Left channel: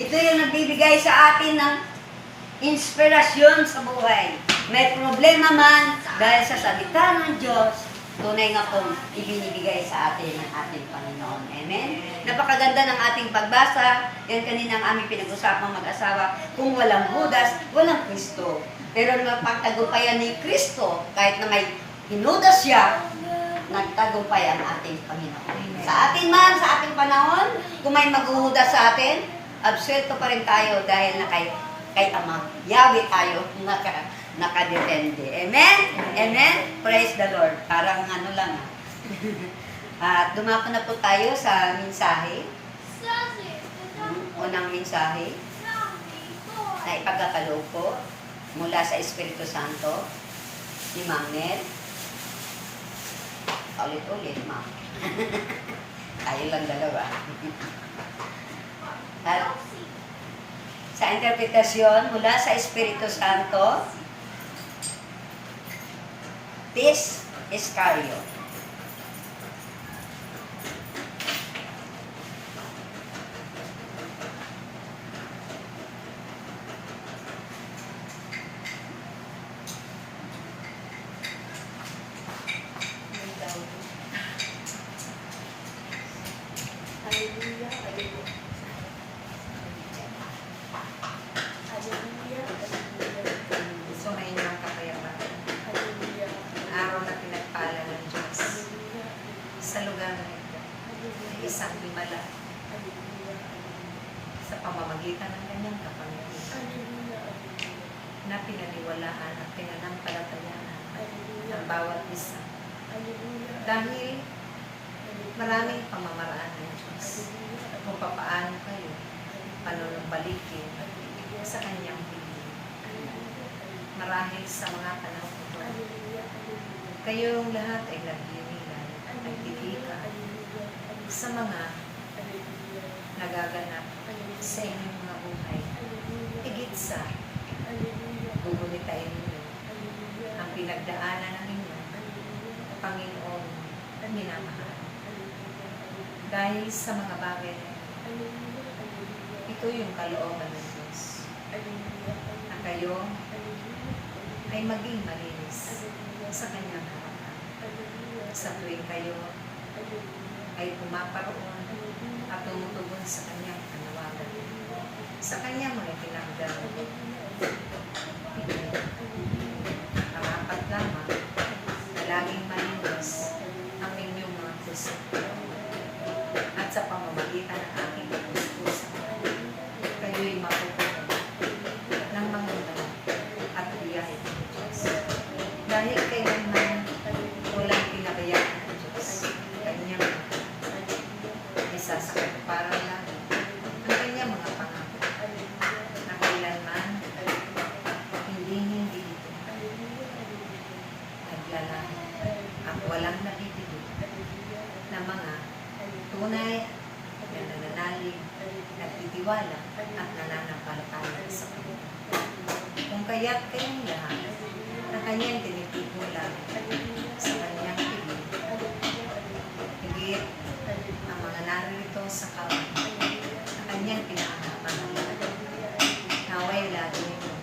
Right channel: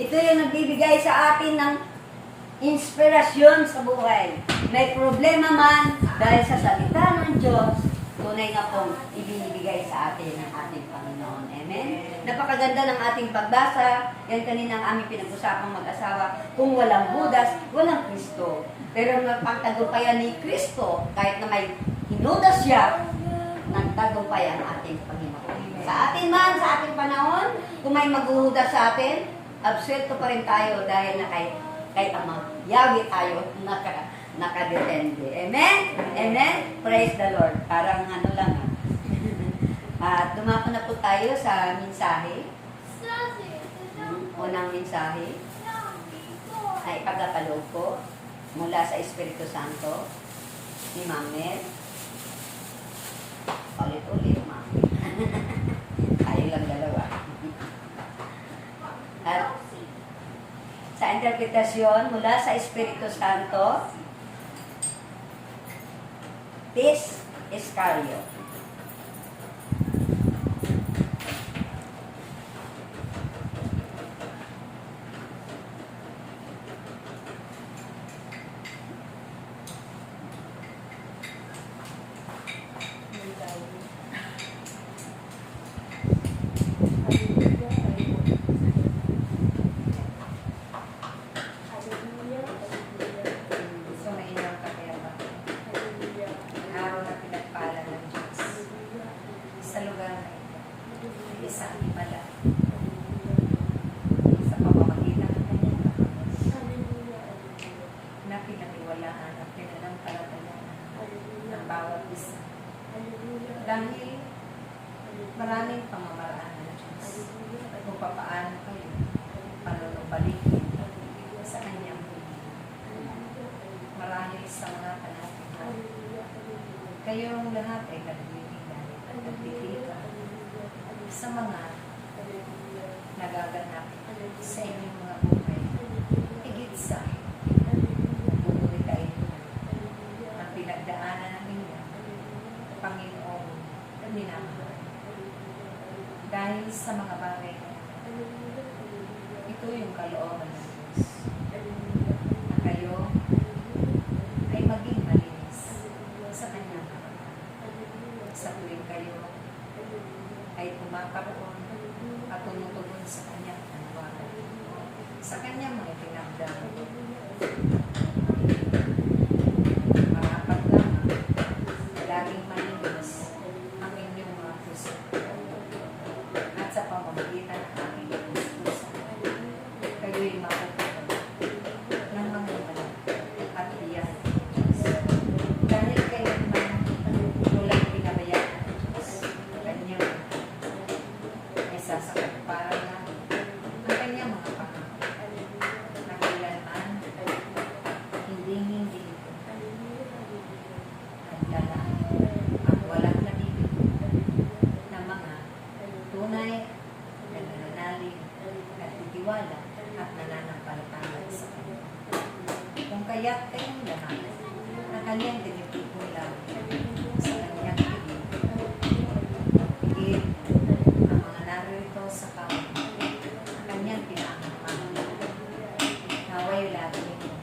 Ito yung nagbibigay sa atin ng inspirasyon sa buhay. May problema man dahil sa salita ng Diyos, tunay nga pong ibinibigay sa atin ng ating Panginoon. Amen? Napakaganda ng ating pagbasa. Yan kanina ang aming pinag-usapang mag-asawa. Kung walang Judas, walang Kristo. Pero napagtagumpayan ni Kristo, kahit na may hinudas siya, nagtagumpay ang ating Panginoon. Sa atin man, sa ating panahon, kung may maghuhudas sa atin, absuelto pa rin tayo dahil na kay Ama. Yahweh tayo nakadepende. Amen? Amen? Praise the Lord. Parang ano lang At dumako na po tayo sa mensahe. Unang mensahe na ipagkakaloob ko mula sa Espiritu Santo ni Mangel. Ulit-ulit, Ma'am. Tayo lang dalawa. At sa interpretasyon mula sa Espiritu Santo, Tis Iscariot. Isang himala sa pamamagitan ng kanyang kapangyarihan na pinaniwalaan at pinanampalatayaan ng bawat isa. Dahil maraming pamamaraan ng Diyos kung papaano kayo panunumbalikin sa kanyang piling. Marahil sa mga panahon ito, kayong lahat ay naglililan, nagtitika sa mga nagaganap sa inyong mga buhay. Higit sa bubunitain ninyo ang pinagdaanan ng inyong Panginoon na minamahal. Dahil sa mga bagay na ito yung kalooban ng Diyos na kayo ay maging malinis sa kanyang harapan. Sa tuwing kayo ay pumaparoon at tumutugon sa kanyang panawagan, sa kanyang mga tinagdang. Marapat lamang na laging malinis ang inyong mga puso. At sa pamamagitan ng aking puso, kayo'y mapupunan ng mga banal at biyaya ng Diyos. Dahil kailanman walang pinabayaan ng Diyos, kanyang sa para lang ang kanyang mga pangako na kailanman hindi ito naglala at walang nabibigay na mga tunay na nananalig, nagtitiwala at nananampalataya sa Kanya. Kung kaya't kayong lahat na kanyang tinitigulan sa kanyang higit narito sa kaway na kanyang pinakamahalan. Naway lagi nito.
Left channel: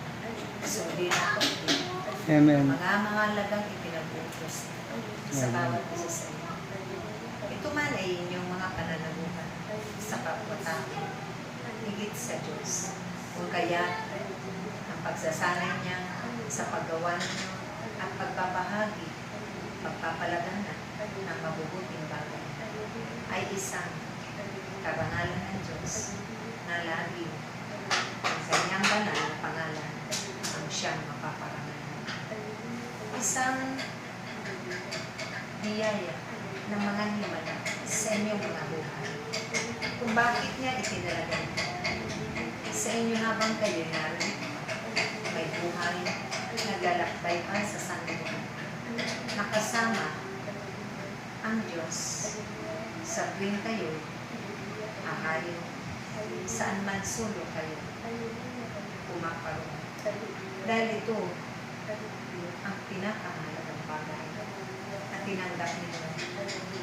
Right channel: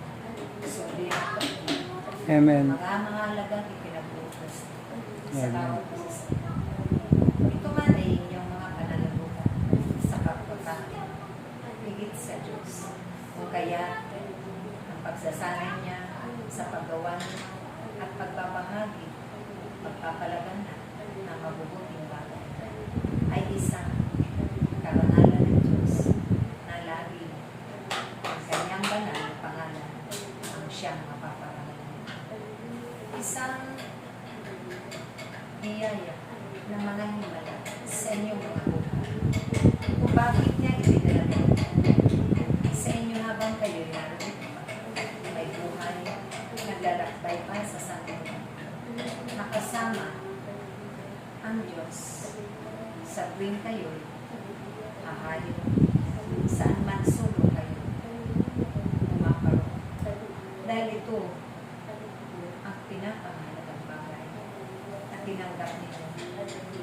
Sundin ako din. Amen. Mga halagang ipinabutos sa bawat isa sa inyo. Ito man ay inyong mga pananagutan sa kapwa-tao. Higit sa Diyos. Kung kaya ang pagsasanay niya sa paggawa ninyo at pagpapahagi, pagpapalaganan ng mabubuting bagay ay isang karangalan ng Diyos na lagi ang kanyang banal na pangalan ang siyang mapaparangalan. Isang biyaya ng mga himala sa inyong mga buhay. Kung bakit niya itinala sa inyo habang kayo'y narito may buhay naglalakbay pa sa sanlibutan. Nakasama ang Diyos sa tuwing kayo ahayo, saan man sulo kayo pumaparoon. Dahil ito ang pinakamahalagang bagay na tinanggap nila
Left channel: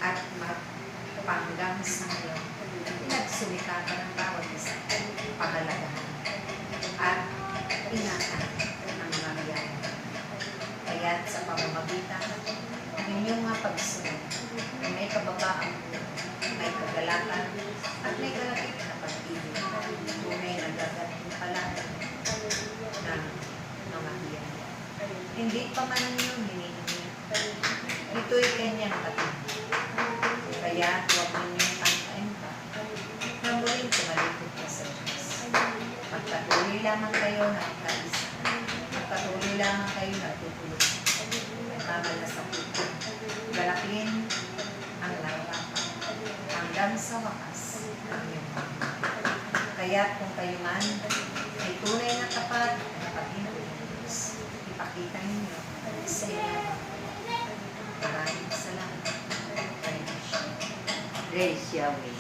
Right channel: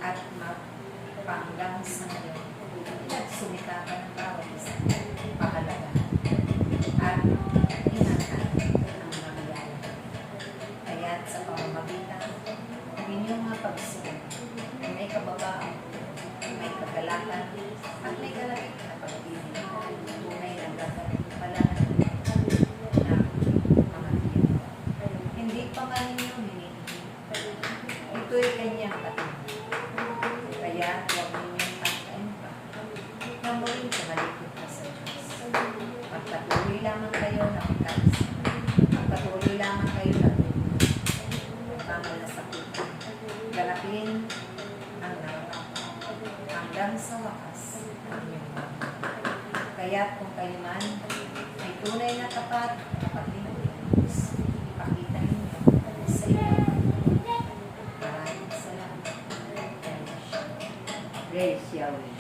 at panggang sa ngayon, nagsumika ka ng bawat isa. Pakala magkaisa. Pagpatuloy lamang kayo natutulog. Tamal na sa puta. Galakin ang langit. Hanggang sa wakas ang iyong mga. Kaya kung kayo man ay tunay na tapat na Panginoon Diyos, ipakita ninyo sa inyo. Maraming salamat. Praise Yahweh.